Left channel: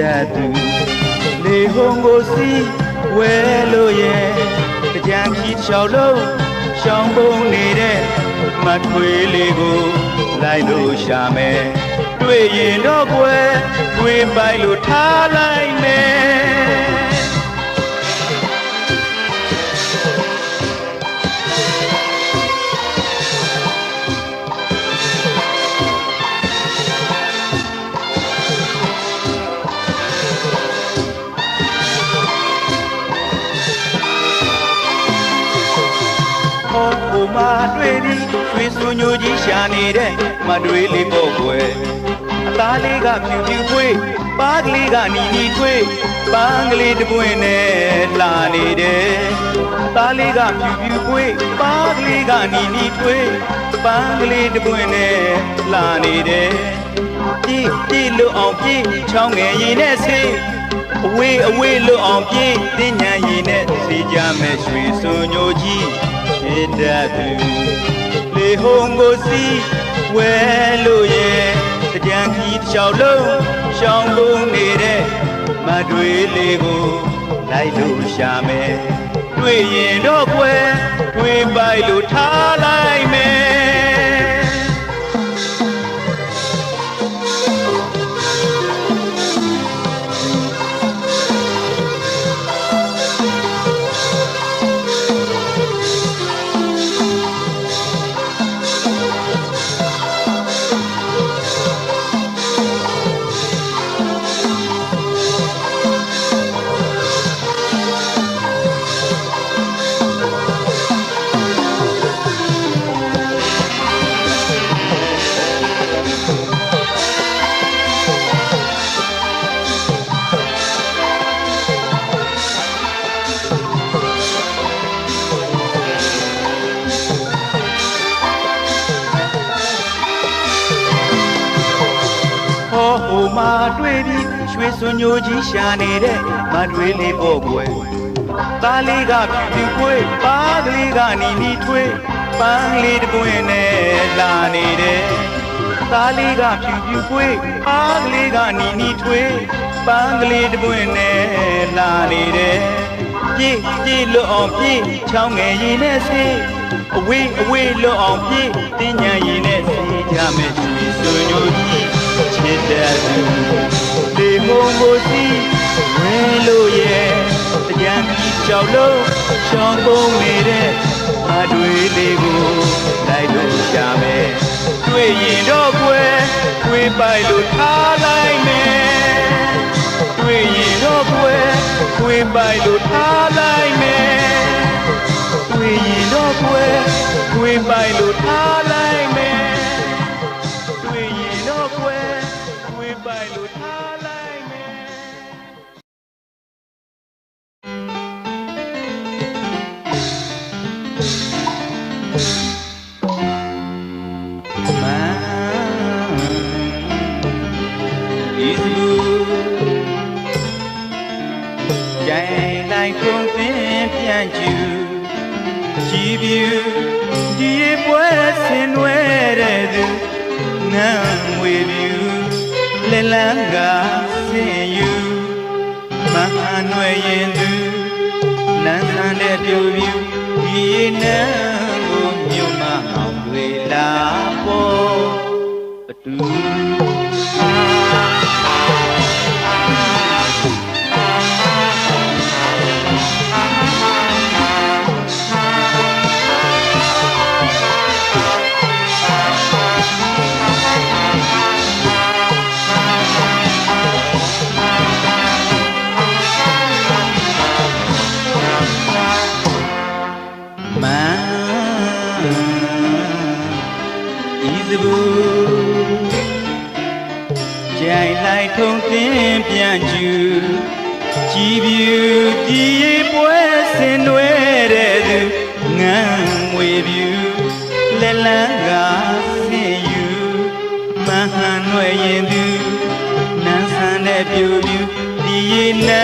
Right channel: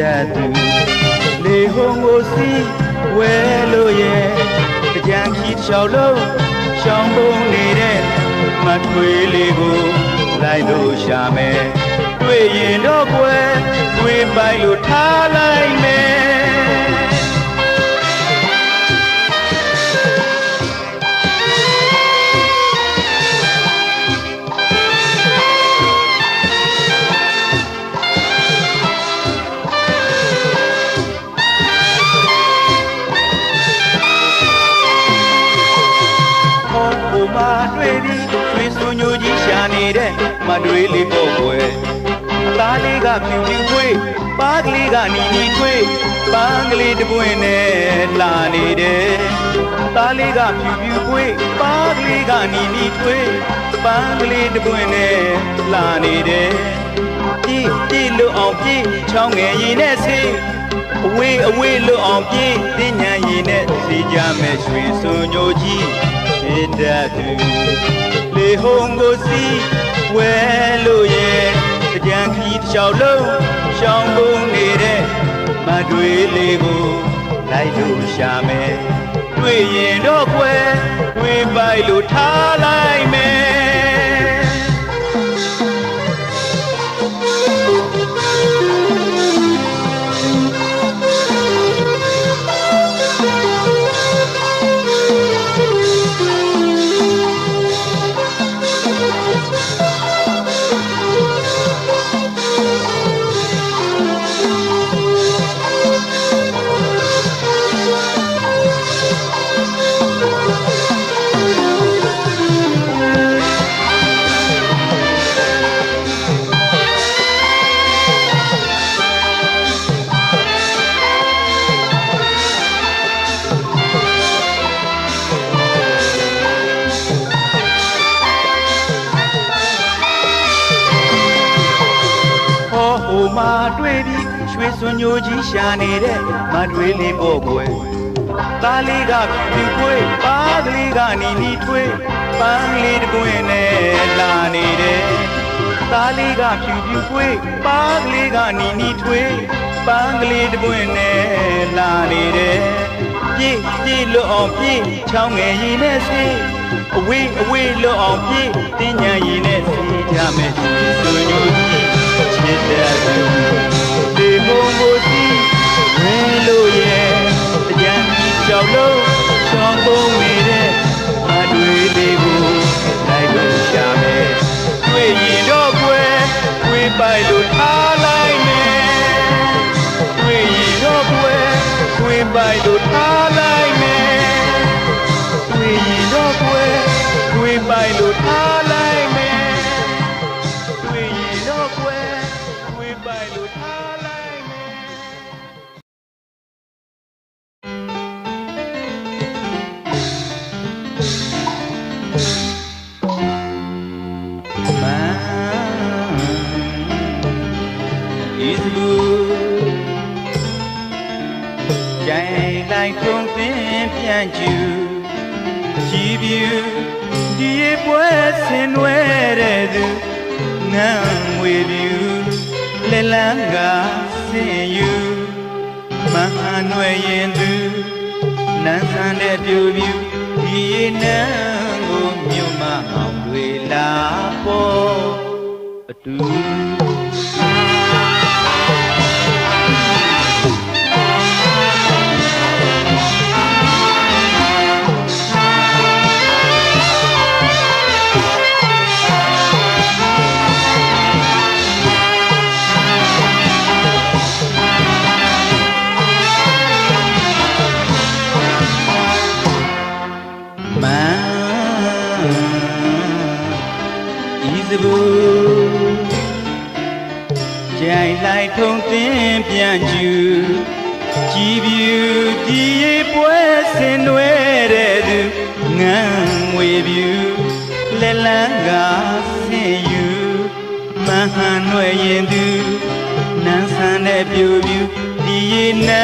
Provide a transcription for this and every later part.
that do. Lehongo si welo ye. ရှောက်လုံးရှောင်းပုံနေတဲ့မထွေးလေးကိုလိုက်လို့ရှာမယ်တွေ့ရင်တော့ကွယ်တွေ့ပိုက်လို့ထားလိုက်မယ်ညိုကြီးရှာနေတဲ့မတွေးလေးပေါ့ကွယ်သားလေးကဖြူဖြူခွေးပါးကလေးကနီနီခွေးပန်းကလေးတပွင့်နဲ့လာနေတယ်သားလေးကဖြူဖြူခွေးပါးကလေးကနီနီခွေးပန်းကလေးတပွင့်နဲ့လာနေတယ်ပြေးလို့အောင်ပြေးချောင်းငယ်ရည်နဲ့ဆေးအဝေးလို့အောင်ပြေးပညာရည်နဲ့စီကြမယ်ဆိုညိုကြီးဖြစ်တတ်သူလေဟုံကိုစီဝဲလို့ရဲ့ကြံခီတစ်လျှောက်လုံးရှောင်းပုံနေတဲ့မတွေးလေးကိုလိုက်လို့ရှာမယ်တွေ့ရင်တော့ကွယ်တွေ့ပိုက်လို့ထားလိုက်မယ်မာတွေ့ပြီးရွှေစွန်ညိုကြီးရှာနေတဲ့မတွေးလေးပေါ့ကွယ်သားလေးကဖြူခွေးပါးလေးကနီနီထွေးပန်းလေးတပွင့်နဲ့လာနေတယ်သားလေးကဖြူဖြူခွေးပါးလေးကနီနီထွေးပန်းလေးတပွင့်နဲ့လာနေတယ်ပြေးလို့အောင်ပြေးချောင်းငယ်ရည်နဲ့ဆေးအဝေးလို့အောင်ပြေးတင်းညံရည်နဲ့ဆေးကြမယ်ဆိုညိုကြီးဖြစ်တဲ့သူဒီဘုံကိုစီဝဲလို့ရဲ့အကြံကြီးကြောက်လို့ချောင်းပုံနေတဲ့မတွေးလေးကိုလိုက်လို့ရှာမယ်တွေ့ရင်တော့ကွယ်တွေ့ပိုက်လို့ထားလိုက်မယ်တွေ့ရင်တော့ကွယ်တွေ့ပိုက်လို့ထားလိုက်မယ်တွေ့ရင်တော့ကွယ်တွေ့ပိုက်လို့ထားလိုက်မယ်တွေ့ရင်တော့ကွယ်by lo thalai me is blue jai lai phong pin pian ju ji biu di pwa sin nwe de du ngang ngwe biu le lang ga sin yu ma nwe yin du nan san de piu biu di ne lo myu ma maung we la po atu jai lai thong tin pian ju ji biu di pwe sin nwe de du ngang ngwe biu le la ga sin yu ma han nwe yin du nan san de piu biu di na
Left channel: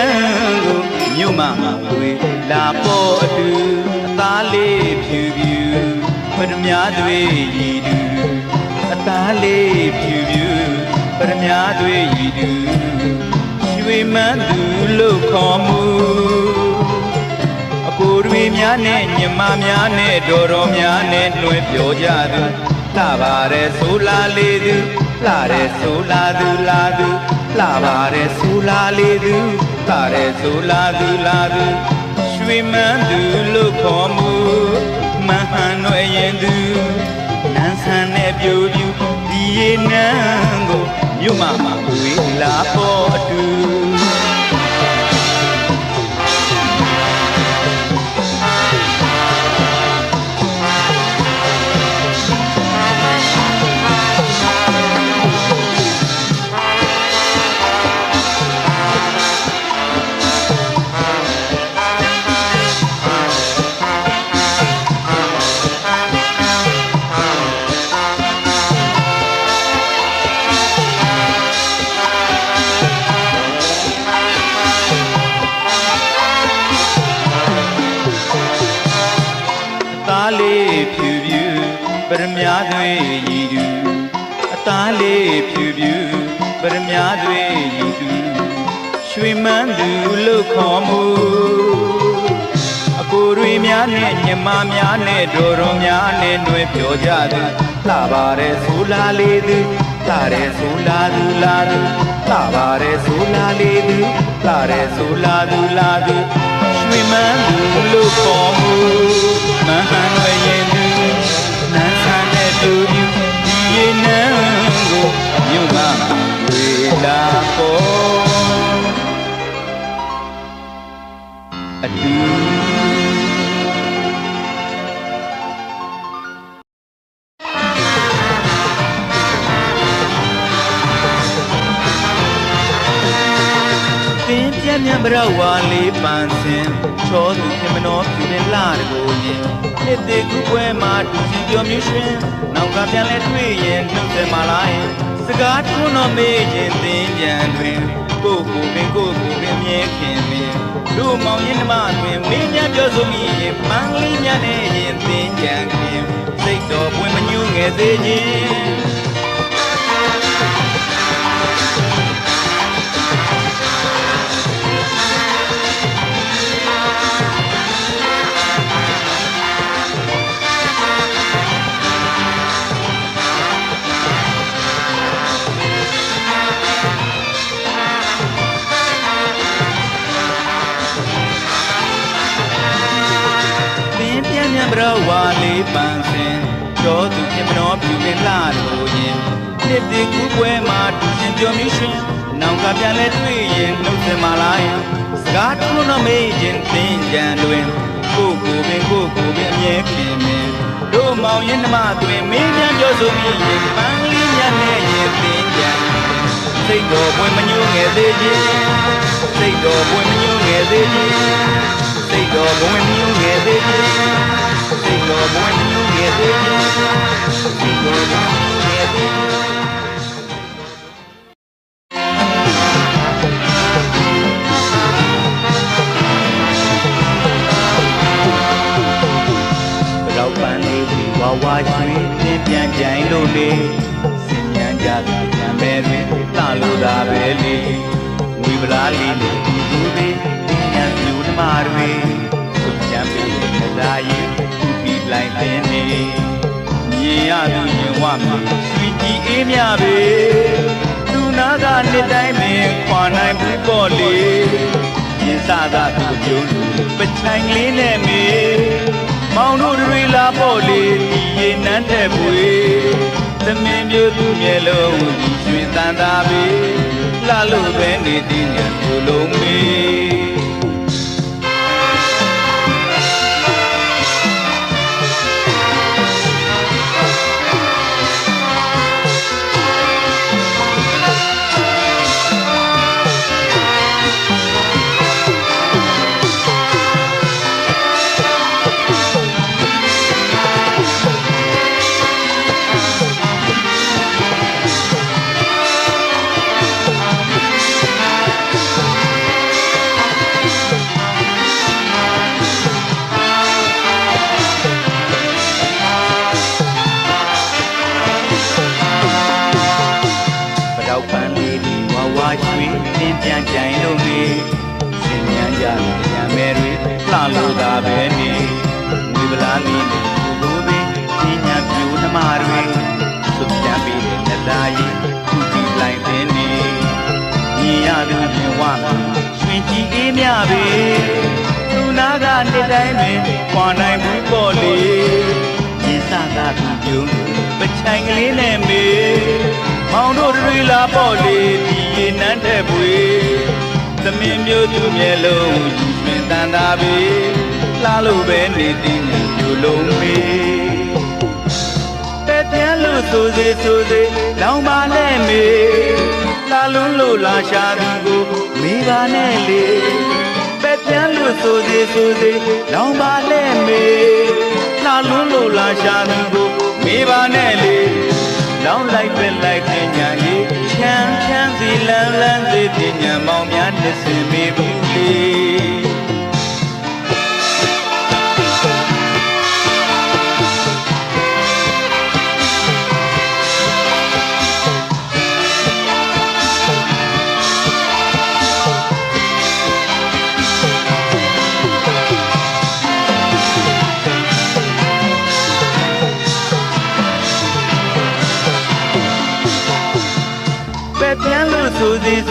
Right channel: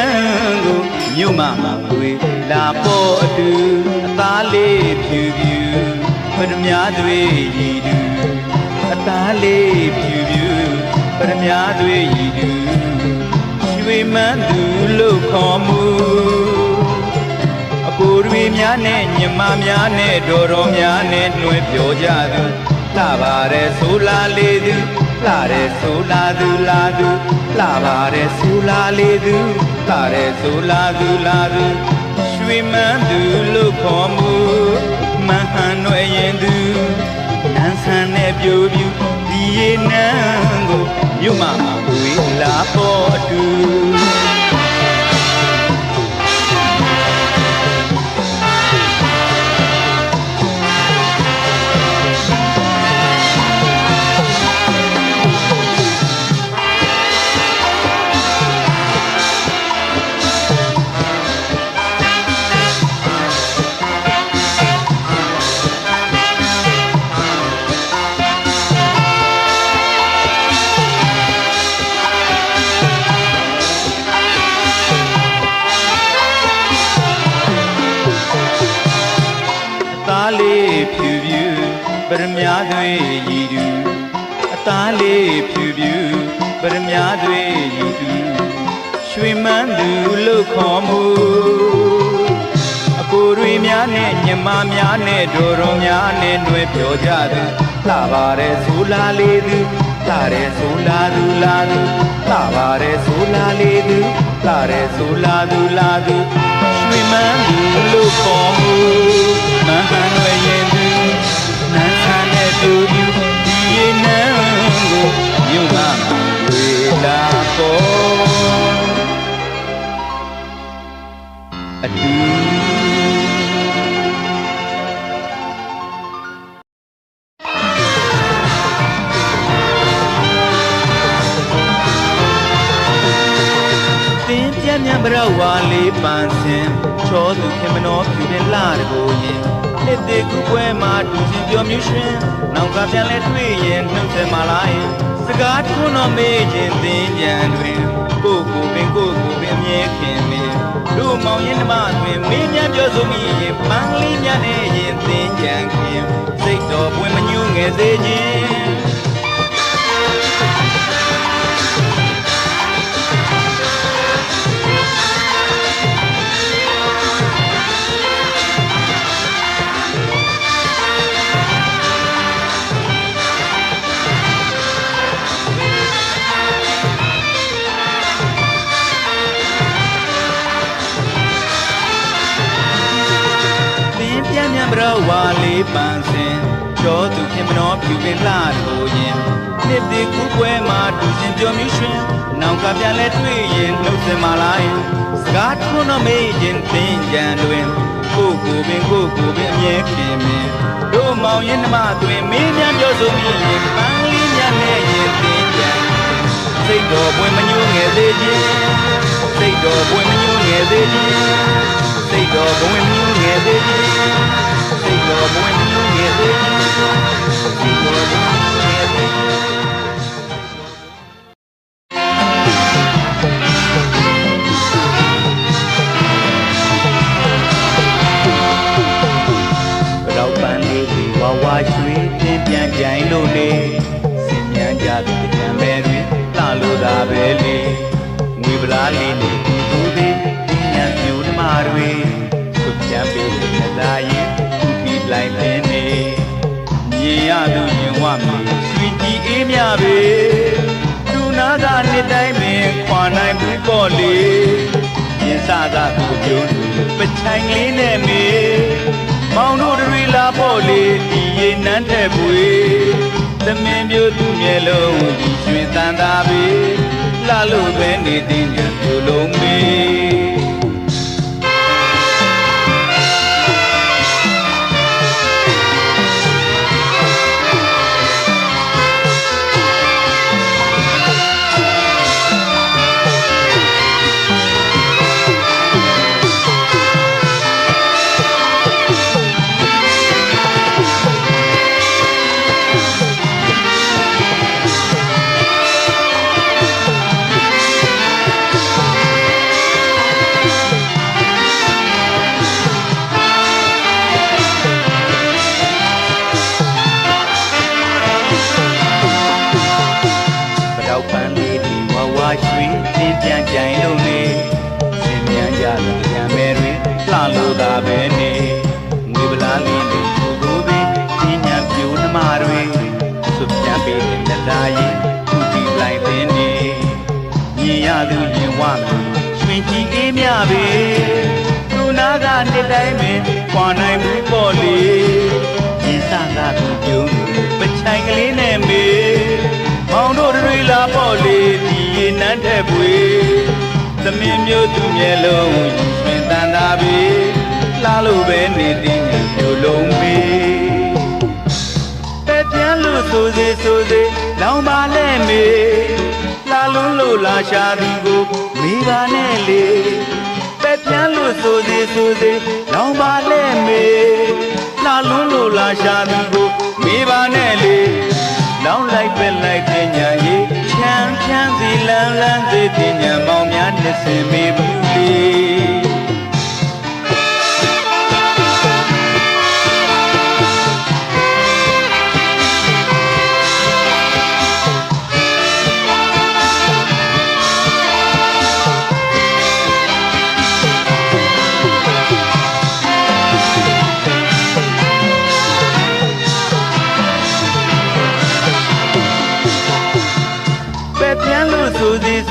go nyu ma ma we la po atu ta le piu biu phật mya dwe yi du ta le piu biuပရမညာတွေရည်သူရွှေမန်းသူလို့ခေါ်မှုအ ကိုတွေများနဲ့ညီမများနဲ့တော်တော်များနဲ့လွှဲပြောကြသူလှပါတယ်ဆိုလာလေးသူလှတယ်ဆိုလာသူလာသူလှပါတယ်ဆိုလာလေးသူလှတယ်ဆိုလာသူလာသူရွှေမန်းသူလို့ခေါ်မှုမဟန်ရွယ်ရင်သူမန်းဆန်းနဲ့ပြိုပြူဒီရေနန်းကိုမြို့မှာဝေးလာပေါ်အတူပရမများတွေရည်သူအသားလေးဖြူဖြူပရမများတွေရည်သူရွှေမန်းသူလို့ခေါ်မှုအကိုတွေများနဲ့ညီမများနဲ့တို့တော်များနဲ့တွေ့ပြောကြသူလှပါတယ်ဆိုလာလေးသူလှတယ်ဆိုလာသူလာသူလှပါတယ်ဆိုလာလေးသူလှတယ်ဆိုလာသူလာသူရွှေမန်းသူလို့ခေါ်မှုမဟန်ရဲ့သူသူဒီရေနန်းကိုမြို့ကဝေလာပေါ်အတူပင်ပြင်းမြန်ဘရဝါလေးပန်းစင်ချောသူခင်မတော်ပြင်းလာကိုရင်နှစ်တည်းကူပွဲမှာသူစီပြောမျိုးရှင်နောက်ကပြန်လဲတွေ့ရင်နှုတ်ဆက်มาလိုက်စကားထွန်းတော်မေးခြင်းသင်ကြံတွင်ကိုပင်မြဲခင်ပင်တို့မောင်ရင်နှမတွင်မင်းများပြောဆိုမိရင်မန်းလေးများနဲ့ရင်သင်ကြံခင်စိတ်တော်ပွင့်မညူးငယ်သေးခြင်းဝါလေးပန်းစင်ကျော်သူခင်မတော်ပြူကလာလို့ရင်နှစ်တည်းကူပွဲမှာသူစီပြောမျိုးရှင်နောက်ကပြန်လဲတွေ့ရင်နှုတ်ဆက်มาလိုက်စကားထွန်းတော်မေးခြင်းသင်ကြံတွင်ကိုပင်အမြဲခင်မင်တို့မောင်ရင်နှမတွင်မင်းများပြောဆိုမိရင်ပန်းလေးများနဲ့ရင်သင်ကြံစိတ်တော်ပွင့်မညိုးငယ်သေးခြင်းစိတ်တော်ပွင့်မညိုးငယ်သေးခြင်းစိတ်တော်ပွင့်မညိုးငယ်သေးခြင်းစိတ်တော်ပွင့်မညိုးငယ်သေးခြင်းစိတ်တော်ပွင့်မညိုးငယ်သေးခြင်းတော့ပန်းလေးဒီဝဝရွှေပြန်ပြိုင်လို့လေစီမံကြပြန်မယ်ပြီလာလို့တာပဲလေမိဗလာလေးနဲ့ဒီဘူးဒီဉာဏ်ပြူဓမ္မတွေသူပြန်ပြီးမလာရင်သူပြီးလိုက်တဲ့နေမြင်ရသူရင်ဝမယ်ဒီအေးမြပဲသူနာကနှစ်တိုင်းမင်းခွာနိုင်ဘူးပေါ့လေရင်စားတာသူကျုံပထိုင်လေးနဲ့မေမောင်တို့တွေလာပေါ့လေဒီရေနန်းတဲ့ကွေသမင်းပြေသူမျက်လုံးဒီကျွင်တန်တာပဲလှလို့ပဲနေတဲ့ဒီလုံးမေ ရင်ခွာနိုင်ဘူးပေါ့လေရင်စကားသူပြုံးပချိုင်ကလေးနဲ့မေမောင်တို့တွေလာပေါ့လေဒီရင်နန်းတဲ့ပွေသမင်းမျိုးသူမျက်လုံးယူဆွင်တန်တာပဲလာလို့ပဲနေတင်ဘလုံးမေပဲပြန်လို့ဆိုစေလောင်ပါနဲ့မေလာလုံးလို့လာရှာသူကိုမိပါနဲ့လေပဲပြန်လို့ဆိုစေလောင်ပါနဲ့မေလာလုံးလို့လာရှာသူကိုမိပါနဲ့လေလောင်လိုက်ပဲလိုက်တဲ့ညာလေးချမ်းစီလန်းစီပညာမောင်များတဆူမိဘူးလေ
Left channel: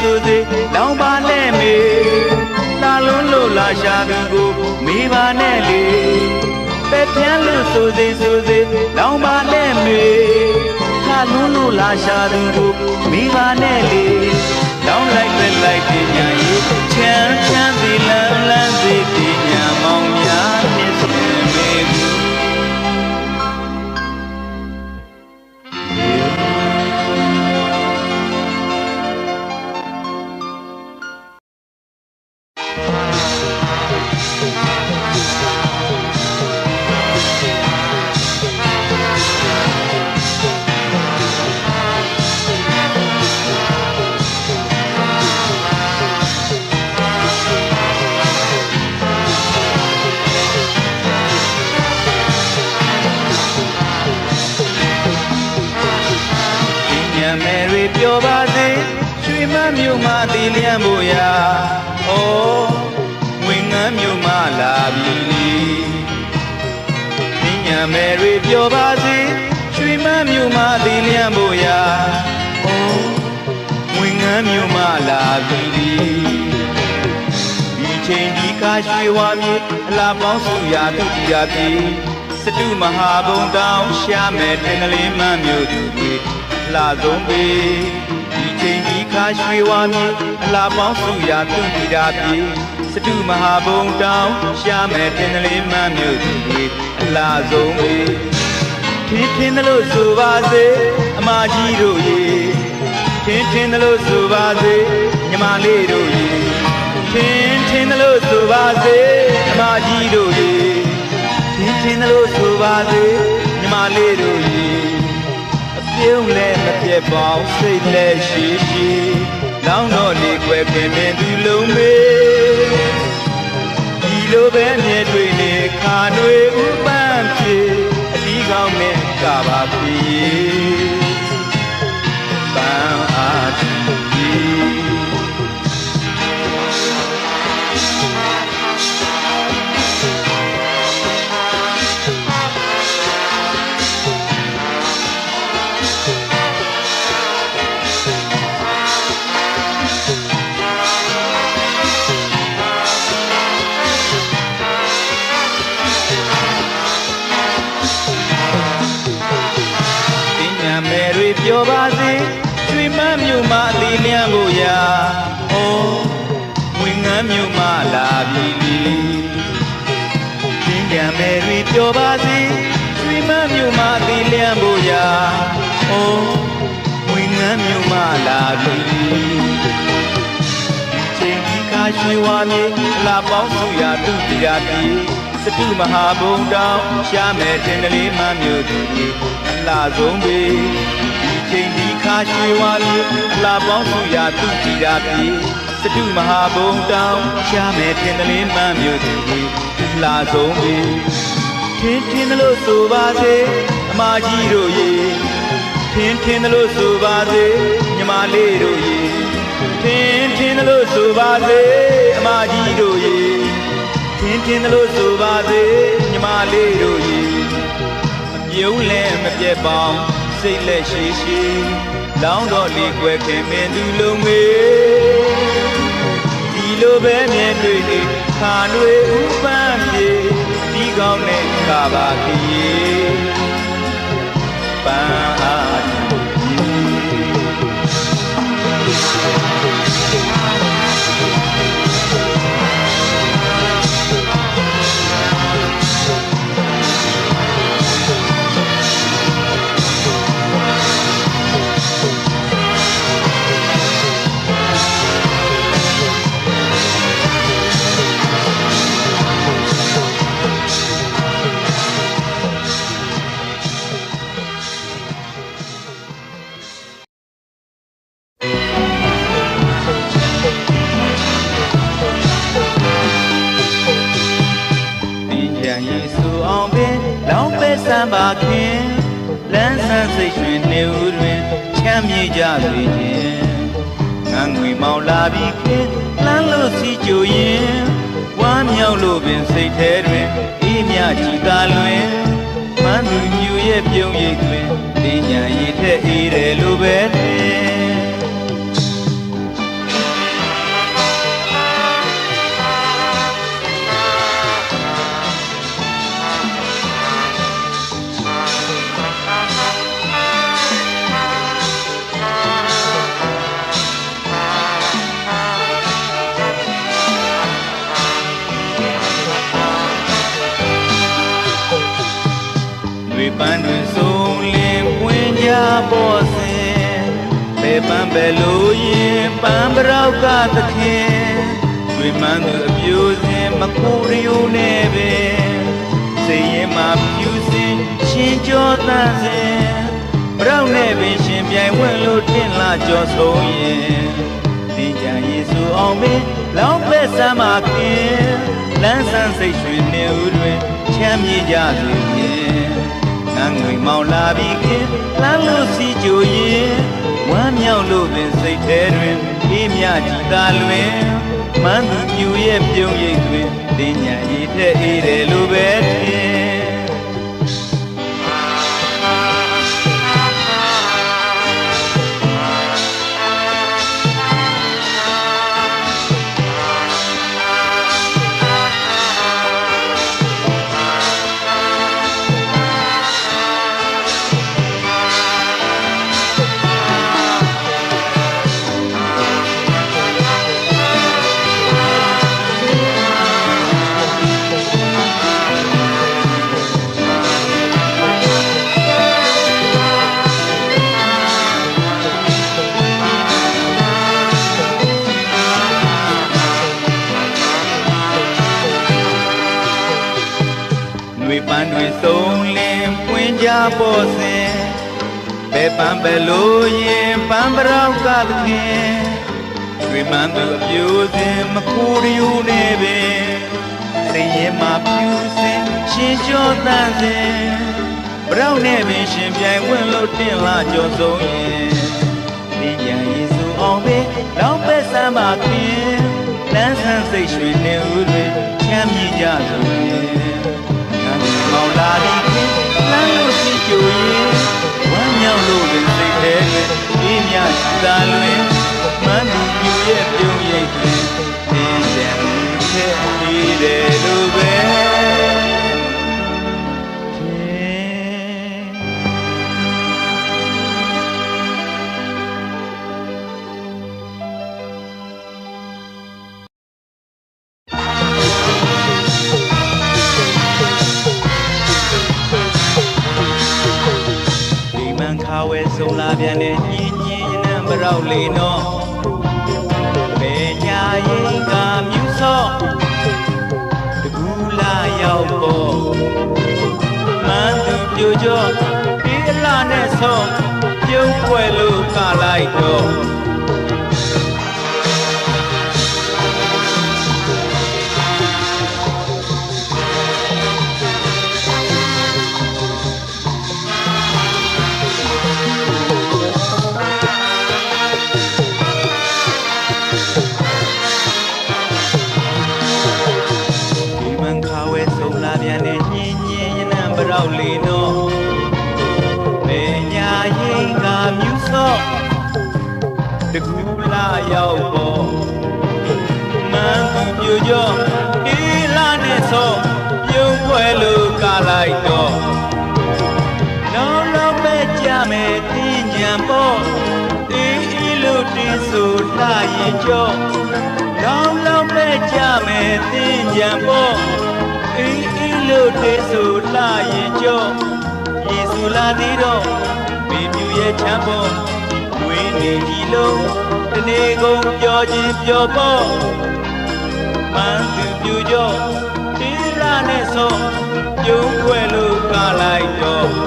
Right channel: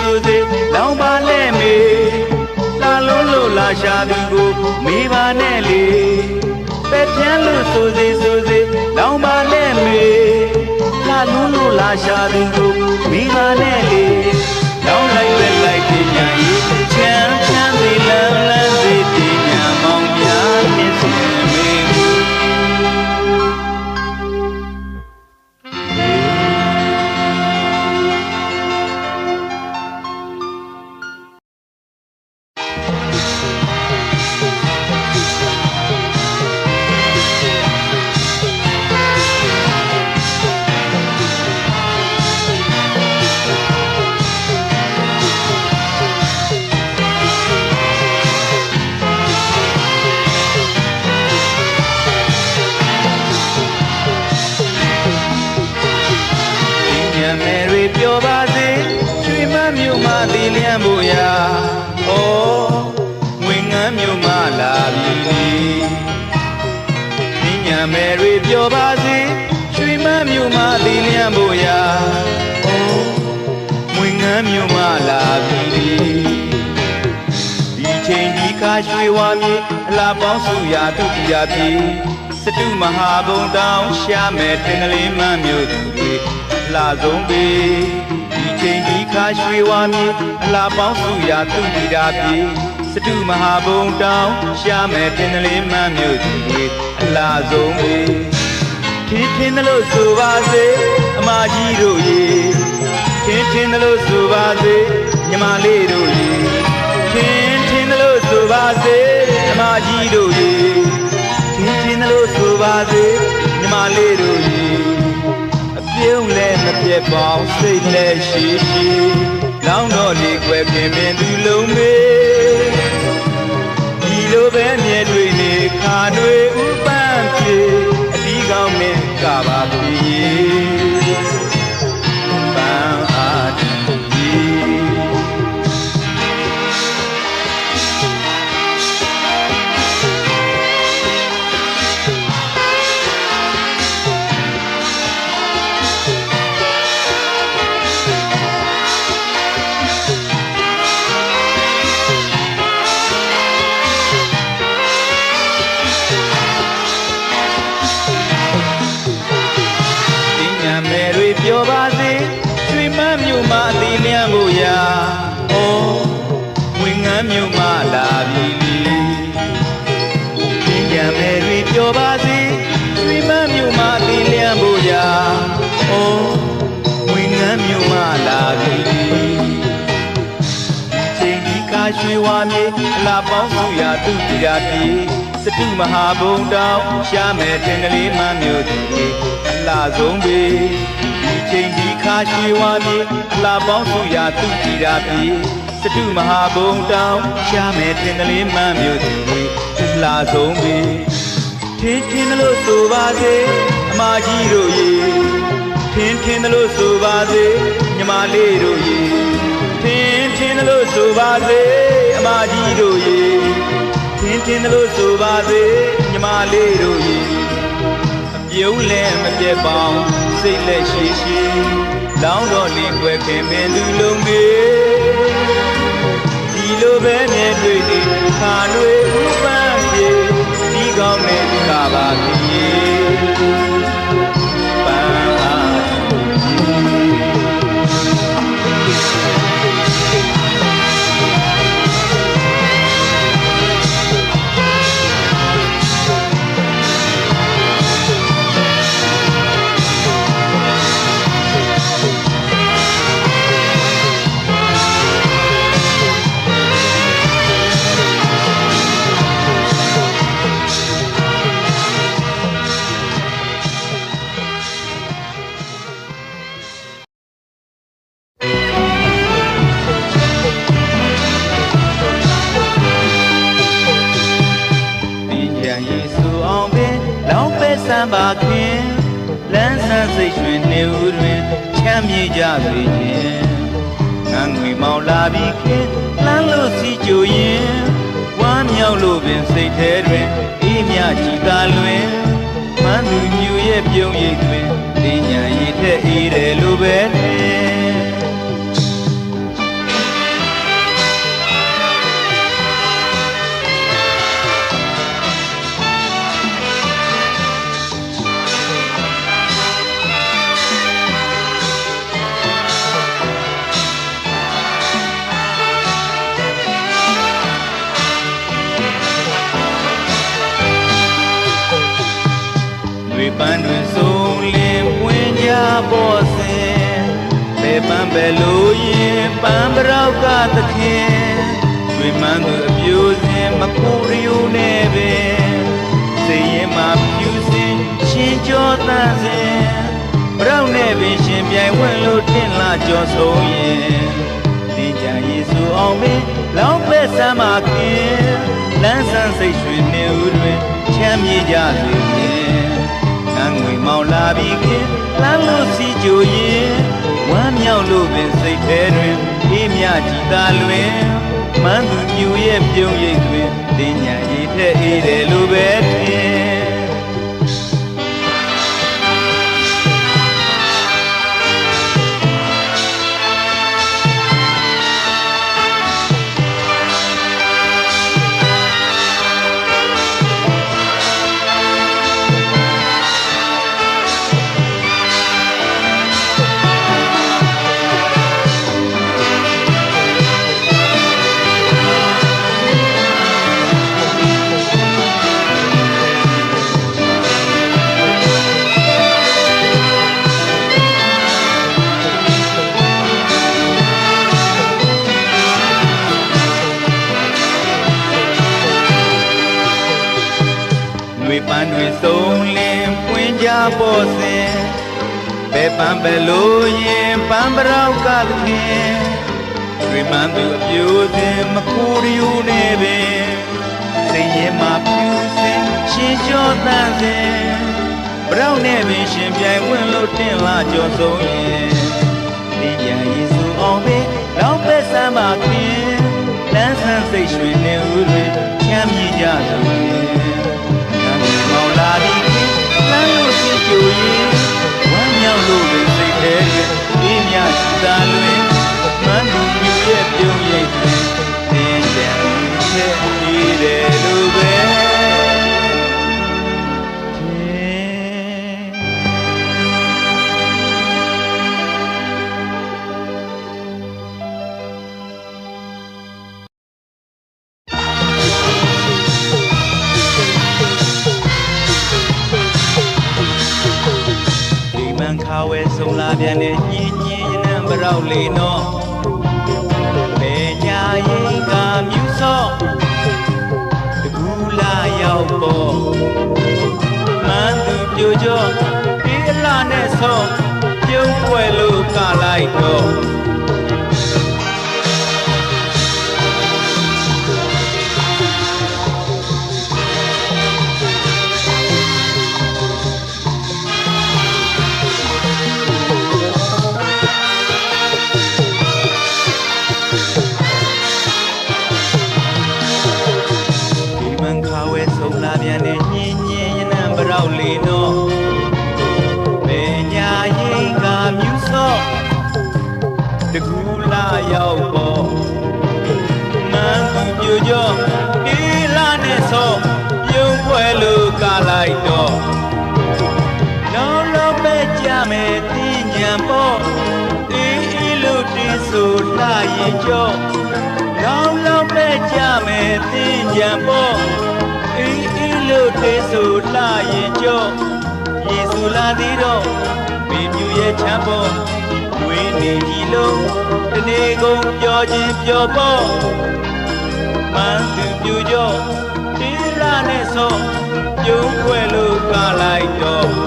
ဆိုစေလောင်ပါနဲ့မေလာလုံးလို့လာရှာသူကိုမိပါနဲ့လေပဲပြန်လို့ဆိုစေလောင်ပါနဲ့မေလာလုံးလို့လာရှာသူကိုမိပါနဲ့လေလောင်လိုက်ပဲလိုက်တဲ့ညာလေးချမ်းစီလန်းစီပညာမောင်များမြတ်စွာဘုရားပြောပါစေချွေမမြို့မှာတည်လျံဖို့ရာဩဝင်ငန်းမြို့မှာလာပြီညမယ်တွေပြောပါစေချွေမမြို့မှာတည်လျံဖို့ရာဩဝင်ငန်းမြို့မှာလာပြီဒီချိန်ဒီကားရွှေဝါမြေအလားပေါင်းစုရာဒုတိယပြီစတုမဟာဘုံတောင်းရှာမယ်တင်ကလေးမမြို့သူလာဆုံးပြီဒီချိန်ဒီခါရွှေဝါမြေအလားပေါင်းစုရာသူတိတာပြီစတုမဟာဘုံတောင်းရှာမယ်တင်ကလေးမမြို့သူလာဆုံးပြီထင်းလို့ဆိုပါစေအမကြီးတို့ရေထင်းလို့ဆိုပါစေညီမလေးတို့ရေထင်းလို့ဆိုပါစေအမကြီးတို့ရေထင်းလို့ဆိုပါစေညီမလေးတို့ရေပြုံးလည်းမပြတ်ပေါင်းစိတ်လည်းရှိရှိလောင်းတော့လေွယ်ပင်သူလုံးမေဒီလိုပဲမြဲတွေ့နေခါတွေဥပန်းပြေအဒီကောင်းနဲ့ကပါပြီပန်းအားပြီပြောပါစေချွေမမြို့မှာတည်လျံဖို့ရာဩဝင်ငန်းမြို့မှာလာပြီပညာမယ်တွေပြောပါစေချွေမမြို့မှာတည်လျံဖို့ရာဩဝင်ငန်းမြို့မှာလာပြီချိန်ဒီကားရွှေဝါမြေအလားပေါင်းစုရာသူတိတာပြီစတုမဟာဘုံတောင်းရှာမယ်တင်ကလေးမမြို့သူလာဆုံးပြီဒီချိန်ဒီခါရွှေဝါမြေအလားပေါင်းစုရာသူတိတာပြီစတုမဟာဘုံတောင်းရှာမယ်တင်ကလေးမမြို့သူလာဆုံးပြီထင်းလို့ဆိုပါစေအမကြီးတို့ရေထင်းလို့ဆိုပါစေညီမလေးတို့ရေထင်းလို့ဆိုပါစေအမကြီးတို့ရေထင်းလို့ဆိုပါစေညီမလေးတို့ရေအပြုံးလည်းမပြတ်ပေါင်းစိတ်လက်ရှိရှိလောင်းတော့လေွယ်ပင်သူလုံးမေဒီလိုပဲနဲ့တွေ့နေခါတွေဥပန်းပြေ ကောင်းနဲ့ကပါကြီးပန်းအားကြလေငန်းငွေမောင်လာပြီးခေလမ်းလို့စီကြိုရင်ဝမ်းမြောက်လို့ပင်စိတ်ထဲတွင်အေးမြကြည်သာလွင်မန်းသူမြူရဲ့ပြုံးရိပ်တွင်တင်ညာရည်တဲ့အေးတယ်လို့ပဲပန်းတွင်ဆုံးလင်းဝင်ကြပေါ်စဉ်ပေပန်းပဲလို့ရင်ပန်းပရောက်ကသခင်ဝိမန်းသူအပြူစဉ်မခိုးရိုးနဲ့ပင်စေရင်မှာပြူစဉ်ရှင်ကျော်သန့်စဉ်ပရောက်နဲ့ပင်ရှင်ပြိုင်ဝဲလို့တင်လာကြော်ဆုံးရင်ဒီကြယေစုအောင်ပင်လောင်းပဲဆမ်းပါခင်လမ်းဆန်းစိတ်ရွှေနေဦးတွင်ချမ်းမြေကြစေမောင်လာပြီးခေလမ်းလို့စီကြိုရင်ဝမ်းမြောက်လို့ပင်စိတ်ထဲတွင်အေးမြကြည်သာလွင်မန်းသူမြူရဲ့ပြုံးရိပ်တွင်တင်ညာရည်တဲ့အေးတယ်လို့ပဲထင်ပန်းတွင်ဆုံးလင်းပွင့်ကြပေါ်စဉ်ပဲပန်းပဲလို့ရင်ပန်းပရောက်ကသခင်ဝိမန်းသူအပြူစဉ်မခိုးရိုးနဲ့ပင်စိတ်ရင်မှာပြူစဉ်ရှင်ကျော်သန့်စဉ်ပရောက်နဲ့ပင်ရှင်ပြိုင်ဝင်လို့တင်လာကြော်ဆုံးရင်ဒီကြယေစုအောင်ပင်လောင်းပဲဆမ်းပါခင်လမ်းဆန်းစိတ်ရွှေနေဦးတွင်ချမ်းမြေကြစေမောင်လာပြီးလမ်းလို့စီကြိုရင်ဝမ်းမြောက်လို့ပင်စိတ်ထဲအေးမြသာလွင်မန်းသူမြူရဲ့ပြုံးရိပ်တွင်တင်ညာရည်တဲ့အေးတယ်လို့ပဲဆုံးလာပြန်တဲ့ညင်ညင်ရံပရောက်လေးနော်ပေကြရင်ကမြူစောတကူလာရောက်ပေါ်မန်းသူပြိုကြောဒီလာနဲ့ဆောပြုံးပွဲလို့ကလိုက်တော့လေးနော်ပေညာရ ကျော်လောင်းလောင်းပဲကြမယ်သင်ကြံပေါ်အေးအေးလို့တေးဆိုလာရင်ကျော်ယေစုလာသေးတော့မိမြူရဲ့ချမ်းပေါ်ဝင်းနေကြီးလို့ဒီနေ့ကုန်ပြောချင်းပြောပေါ်မန်းသူပြူကျော်ဒီလာနဲ့ဆိုကျုံးွယ်လို့ကလိုက်တော့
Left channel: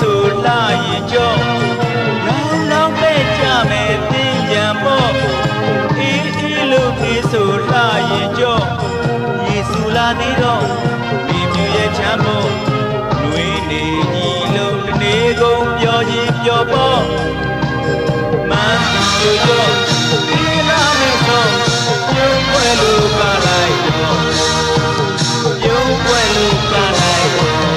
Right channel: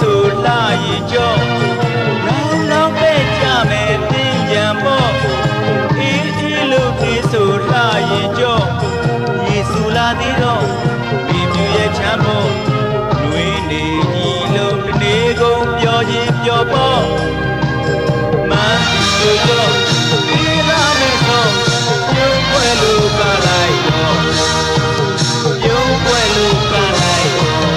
ဆိုလာရင်ကြောလောင်းလောင်းပဲကြမယ်တင်ကြံပေါ်အေးအေးလို့ပြေဆိုလာရင်ကြောယေစုလာသေးတော့ဒီမြရဲ့ချမ်းပေါ်လွေးနေကြီးလို့ဒီနေ့ကုန်ပြောရင်ပြောပေါ်မန်းသူတို့ဒီလာနေတော့ကျုံးွယ်လို့ကလိုက်တော့ကျုံးွယ်လို့ကလိုက်တော့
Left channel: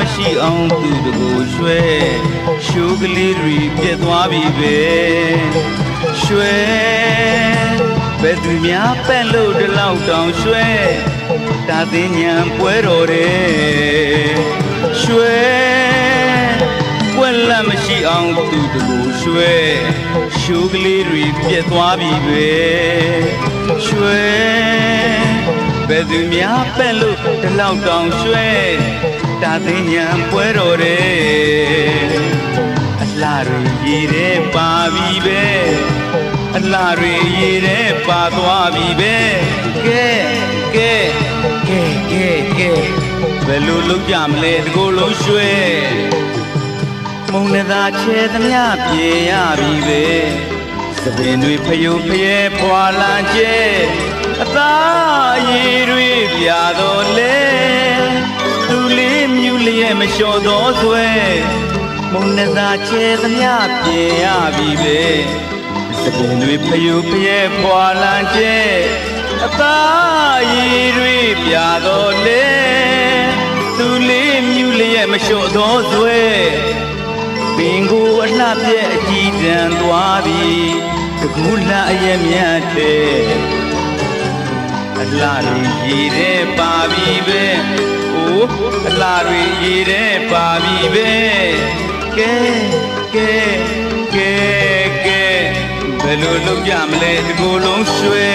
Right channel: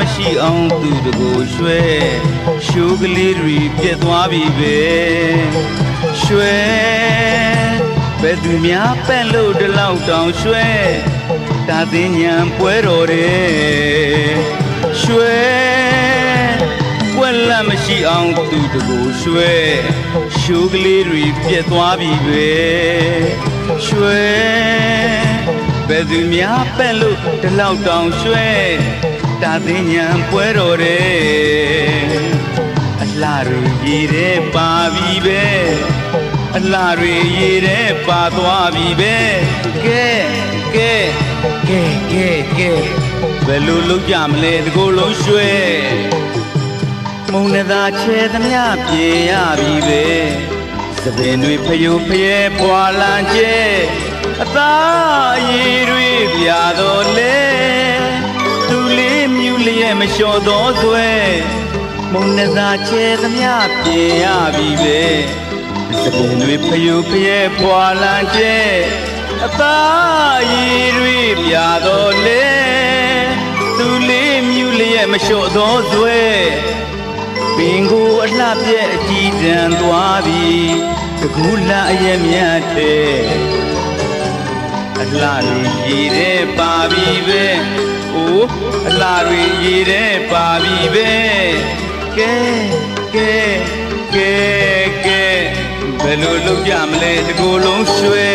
မရှိအောင်သူတကိုရွှဲရှိုးကလေးတွေပြတ်သွားပြီပဲရွှဲဘယ်သူများပက်လို့ဒီလောက်တောင်ရွှဲတာသိညာပွဲတော်တယ်ရွှဲကွက်လက်မရှိအောင်သူတကိုရွှဲရှိုးကလေးတွေပြတ်သွားပြီပဲရွှဲဘယ်သူများပက်လို့ဒီလောက်တောင်ရွှဲတာသိညာပွဲတော်တယ်အလားတွေရေထဲပါပြီပဲအလားတွေရေထဲပါသွားပြီပဲကဲကဲကဲကဲကဲဘယ်လိုလုပ်ကြမလဲဒီကိုယ်လုံးရွှဲမုံလည်းသာချဲသမျှပြေရပြီပဲသပင်တွေဖယုတ်ဖျဲဖွာလာကျဲအသားရေတွေပြတော်လဲသူလေးမြူလျက်မလျှော်သောဆွဲမုံလည်းသာချဲသမျှပြေရပြီပဲသပင်တွေဖယုတ်ဖျဲဖွာလာကျဲအသားရေတွေပြတော်လဲသူလေးမြူလျက်မလျှော်သောဆွဲပင်ကိုအလှပြက်အကြည့်ကြံသွားပြီတကူလာအရဲ့မြတ်တဲ့အလှတွေရည်တဲ့ပါပြီပဲအိုးအလှတွေရည်တဲ့ပါပြီပဲကဲကဲကဲကဲဘယ်လိုလုပ်ကြမလဲဒီကိုယ်လုံးရွှဲ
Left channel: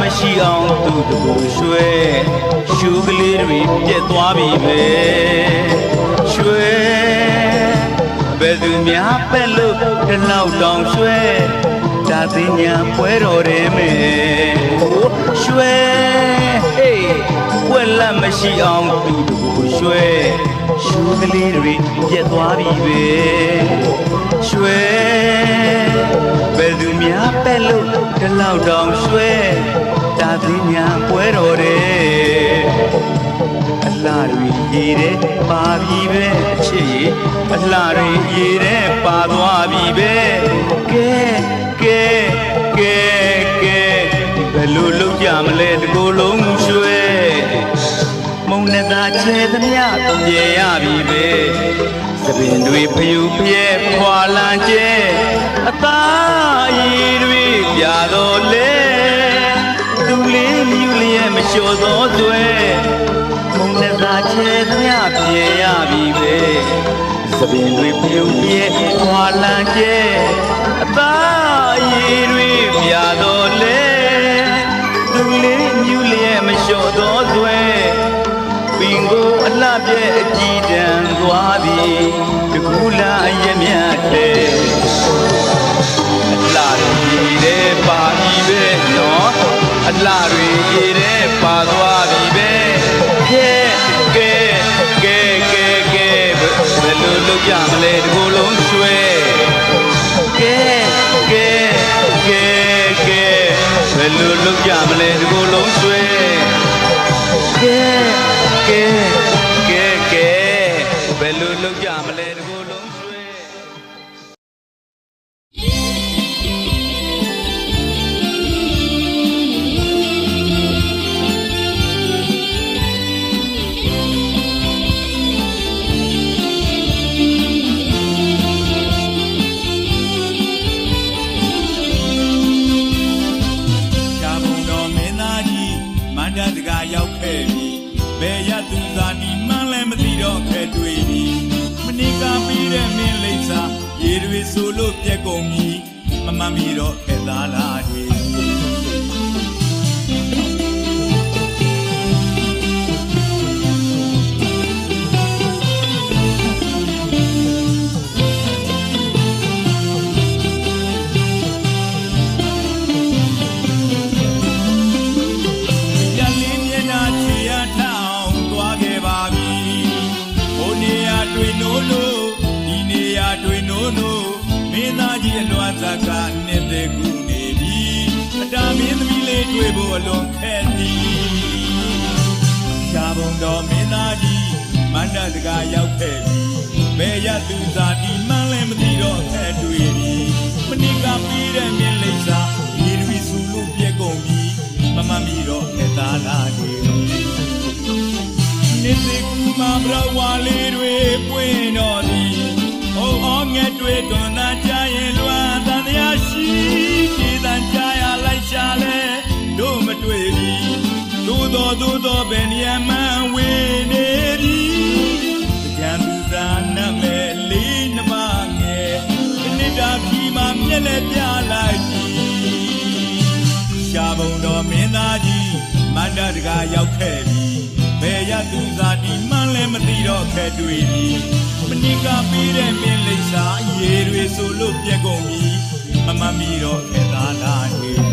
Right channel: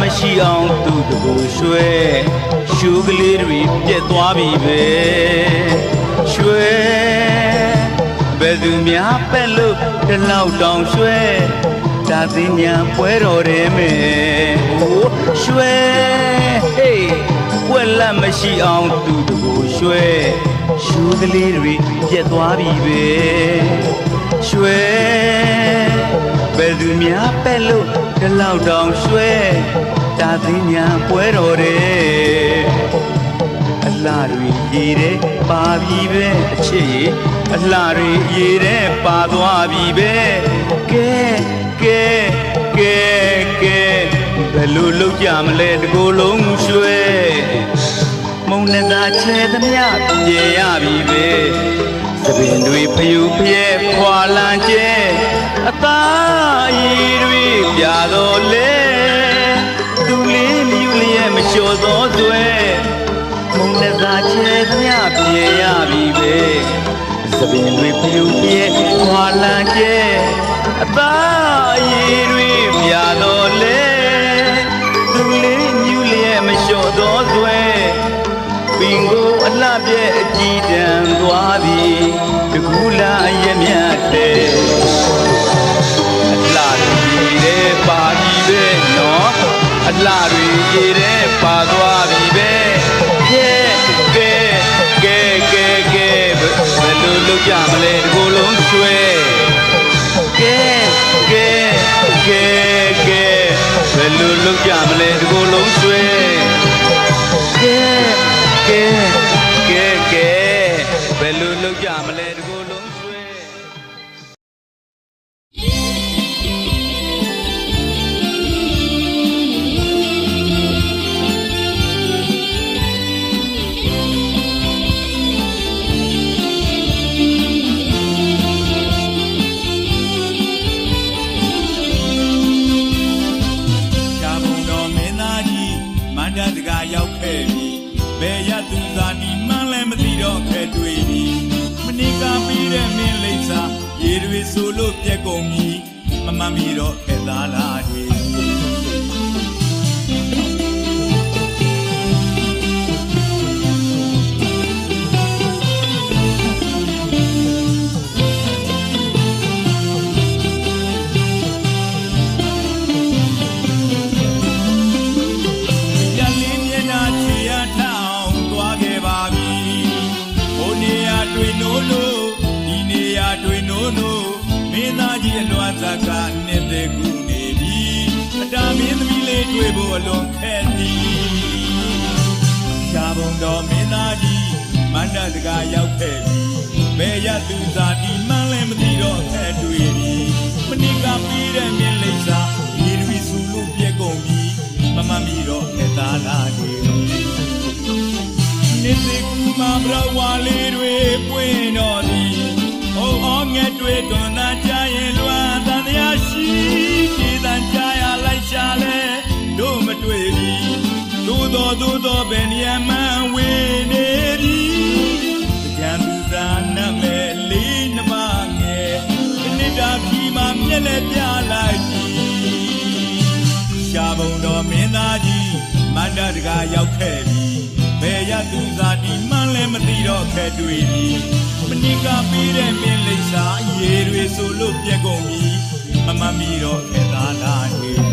မရှိအောင်သူ့ကိုရွှဲရှူကလေးတွေပြက်သွားပြီပဲရွှဲဘယ်သူများပက်လို့ဒီလောက်တောင်ရွှဲဒါသိညာပွဲတော်တယ်မယ်ရွှဲဟေးကွက်လက်မရှိအောင်သူ့ကိုရွှဲရှူကလေးတွေပြက်သွားပြီပဲရွှဲဘယ်သူများပက်လို့ဒီလောက်တောင်ရွှဲဒါ သိညာပွဲတော်တဲ့အလားတွေရေတဲ့ပါပြီပဲအချစ်ရေအလားတွေရေတဲ့ပါသွားပြီပဲကဲကဲကဲကဲဘယ်လိုလုပ်ကြမလဲတကိုယ်လုံးရွှဲမုံနဲ့သာချဲသမျှပြေရပြီပဲသပင်တွေဖျူဖျဲဖွာလန်ကျဲအသားရည်တွေပြတော်လေသူလေးမြူလေးမလျှော်သောတွဲမုံနဲ့သာချဲသမျှပြေရပြီပဲသပင်တွေဖျူဖျဲဖွာလန်ကျဲအသားရည်တွေပြတော်လေသူလေးမြူလေးမလျှော်သောတွဲပင်ကိုအလှပြဲအကြည့်တန်သွားပြီတကူလာအရမြတ်တဲ့အလှတွေရေပါပြီပဲနော်အလှတွေရေပါသွားပြီပဲကဲကဲကဲကဲကဲဘယ်လိုလုပ်ကြမလဲဒီကိုယ်လုံးကျွဲကဲကဲကဲကဲဘယ်လိုလုပ်ကြမလဲဒီကိုယ်လုံးကျွဲကဲကဲကဲကဲဘယ်လိုလုပ်ကြမလဲဒီကိုယ်လုံးကျွဲရောက်ခဲ့ပြီဘယ်ရသူသာဒီမှန်းလည်းမသိတော့ခဲ့တွေ့ပြီမနိကပြီးတဲ့မင်းလိမ့်စာရေတွေဆိုလို့ပြက်ကုန်ပြီမမမီတော့ခဲ့သားလားတွေမင်းသားကြီးအလွမ်းသာကနေတဲ့ကူနေပြီအတာမင်းသမီးလေးတွေ့ဖို့အလွန်ခက်သည်ရှားဘုံတော်မင်းသားကြီးမန္တတကာရောက်ခဲ့ပြီဘယ်ရသူသာဒီမှန်းလည်းမသိတော့ခက်တွေ့ပြီမနိကပြီးတဲ့မင်းလိမ့်စာရေတွေဆူလို့ပြက်ကုန်ပြီမမမီတော့ခက်သားလားတွေနေတဲ့ကူမှာဘရဝါလေးတွေပွင့်တော်သည်အော်ငဲ့တွေ့တွန်သာကြရင်လွမ်းတန်တရားရှိဒီတန်ကြရလိုက်ရှာလဲတို့မတွေ့ပြီသို့တော်ဘယ်နေရာမှဝင်နေပြီကြံသူသာနမဲ့လေးနှမငယ်ဒီနေ့တာပြီမှာမျက်လက်ပြလိုက်ပြီရှားဘုံတော်မင်းသားကြီးမန္တတကာရောက်ခဲ့ပြီဘယ်ရသူသာဒီမှန်းလည်းမသိတော့ခဲ့တွေ့ပြီမနိကပြီးတဲ့မင်းလိမ့်စာရေတွေဆိုလို့ပြက်ကုန်ပြီမမမီတော့ခဲ့သားလားတွေ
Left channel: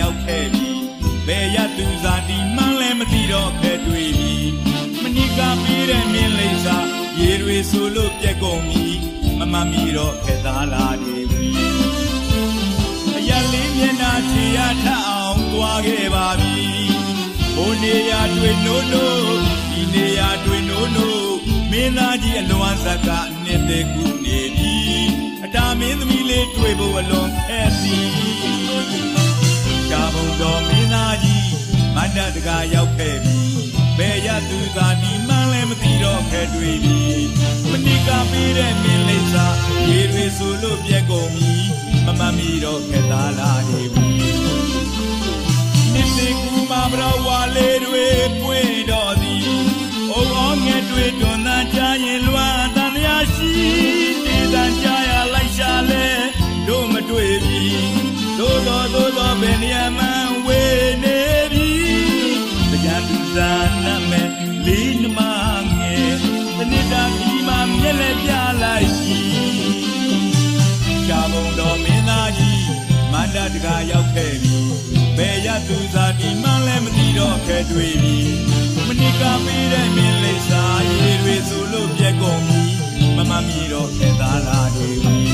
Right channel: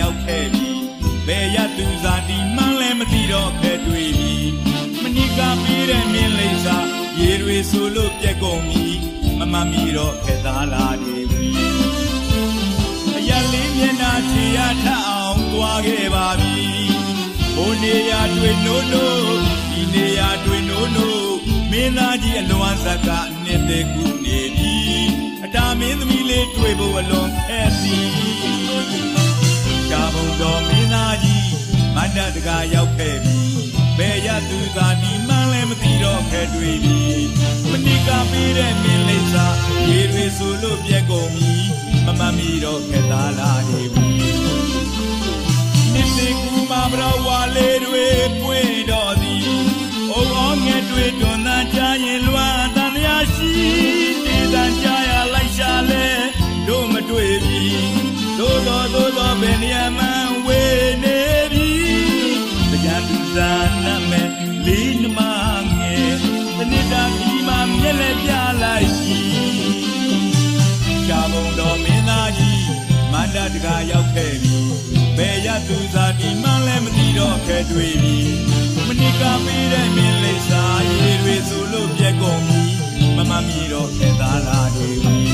ရောက်ခဲ့ပြီဘယ်ရသူသာဒီမှန်းလည်းမသိတော့ခဲ့တွေ့ပြီမနိကပြီးတဲ့မင်းလိမ့်စာရေတွေဆိုလို့ပြက်ကုန်ပြီမမမီတော့ခဲ့သားလားတွေအရလေးမျက်နှာချီရထအောင်သွားခဲ့ပါပြီဟိုနေရာတွေ့နိုးနိုးဒီနေရာတွေ့နိုးနိုးမင်းသားကြီးအလွမ်းဇက်ကနေတဲ့ကူနေပြီအတာမင်းသမီးလေးတွေ့ဖို့အလွန်ခက်သည်ရှားဘုံတော်မင်းသားကြီးမန္တတကာရောက်ခဲ့ပြီဘယ်ရသူသာဒီမှန်းလည်းမသိတော့ခဲ့တွေ့ပြီမနိကပေးတဲ့မင်းလိမ့်စာရေတွေဆိုလို့ပြက်ကုန်ပြီမမမီတော့ခဲ့သားလားနေပြီနှစ်သိ တကားရောက်ခဲ့ပြီဘယ်ရသူစားဒီမှလည်းမသိတော့ခဲ့တွေ့ပြီမနစ်ကပေးတဲ့မင်းလိပ်စာရေတွေဆိုလို့ပြက်ကုန်ပြီမမမီတော့ခဲ့သားလာနေပြီ